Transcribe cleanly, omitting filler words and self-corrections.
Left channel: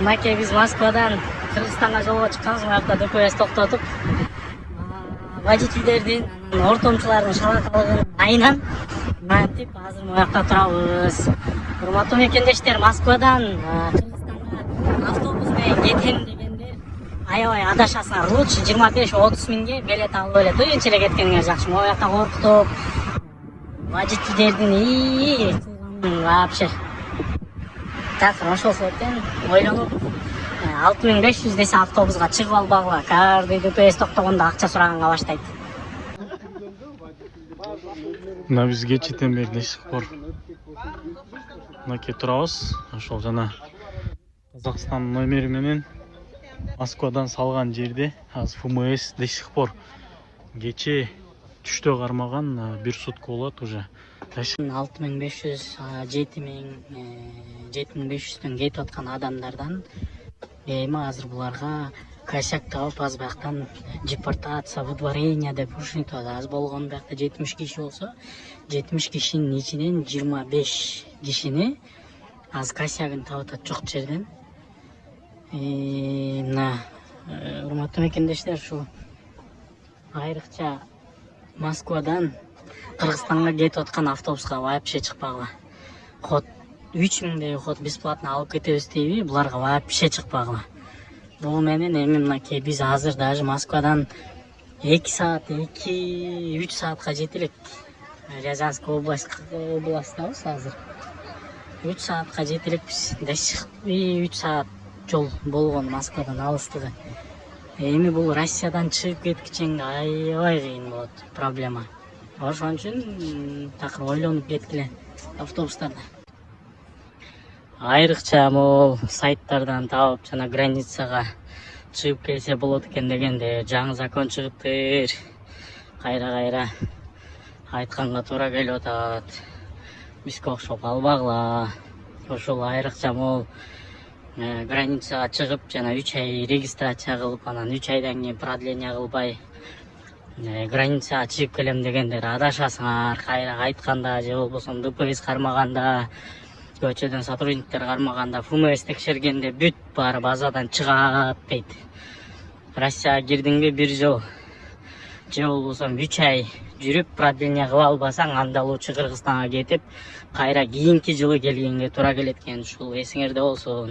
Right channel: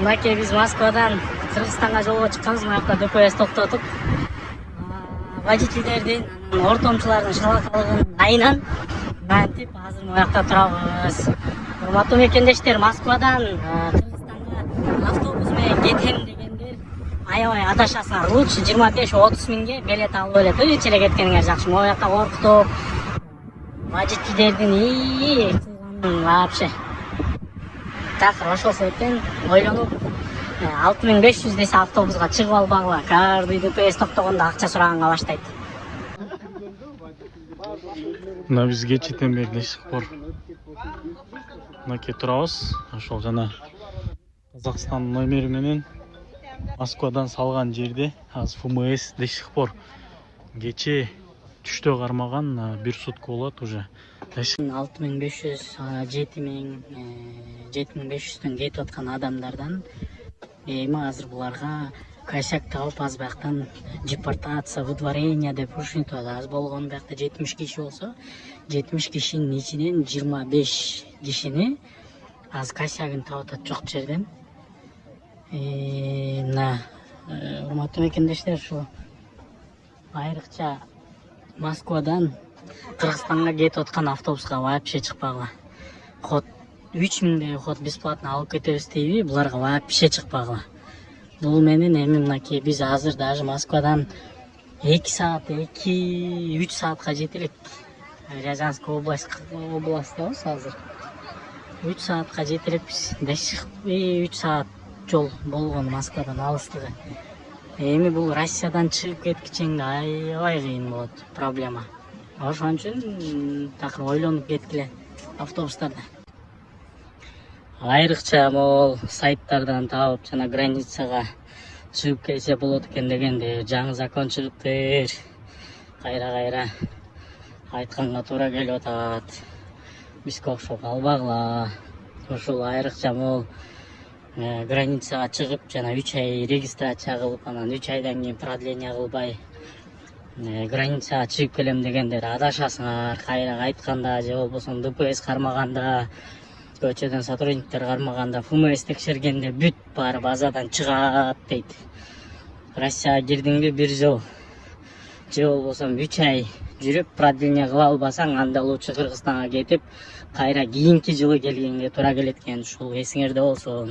Мынакей биз Москвадан Кыргызстанга жолго чыкканбыз. Буякта ДПС токтотуп водительдердин, ортомчулардын шалакалыгын айынан мынтип азыр буякта турабыз. Урматтуу мекендештер, Москвадан Кыргызстанга автобус менен кетем дегендер аябай адашасыңар. Лучше 25-30 миңге билет алып эле тынч эле кеткениңер жакшы. Буякта коркутуп водительдердин вообще такыр ошол себептен ойлонуп 6500 десе автобуска чыгып албагыла. Каждый ДПС токтогондо акча сураганга баштайт. Мына биз кечитен бери Дешикпор мынакей турабыз. Ошол жана Казакстан номери менен Москвадан салган жерде азыр ФМС Дешикпор кече түштө кармаган 1 сутка болот уже. 6500 7500дөн кетип аткан адамдардан эми азыр буларга косяк табып аз бияктан депортация, выдворение деп ушинтип аз болгон биякта 70 киши болсо 70 кишинин ичинен 25 кишини аз косягын таап атат жок жерден. Мына урматтуу мекендештер, ушу айрыкча Москвадан Кыргызстанга кетип аткан автобуска вообще чыкпагыла. Ход 3000 ход бесплатно алып кетебиз дейби, буларга вообще чыкпагыла. Бул менен эми мынакей биз азыр даже Москвадан 2 саат, 2-3 саатка жете элек. Рязанская областыбыз азыр. 3 саатка жете элекпиз. 3 саат жол болгон Москвадан алыстыгы. Эми бул Россиядан чыгып кеткичеңде аябай кыйын болот, проблема. Ошон үчүн такыр ойлонуп кеткиле автобустарда. Айрыкча могул сайттардан таап жана границага чыгып келсе болот экен дегенде жаңы закон чыгыптыр. Кайра айтканга туура келип атат. Бизге окшоп албагыла. Ошол айрыкча могул границага чыгып жана 3 ай регистрация кылып, анан 3 айдан кийин продление кылбай границага чыгып келем дегендер адашасыңар. Кайра айтканда же болбосо ДПС кармаганда, көчөдөн сотрудниктер кармаганда, ФМС текшергенде бүт баары базадан чыгат дейт. Россияга кирдиңби 1 жыл же болбосо 3 ай жүрүп продление кыла албасаң, анда лучше Кыргызстанга кетип, кайра кийинки жылы келгенге туура келет экен. Ушул эсиңерде болсун.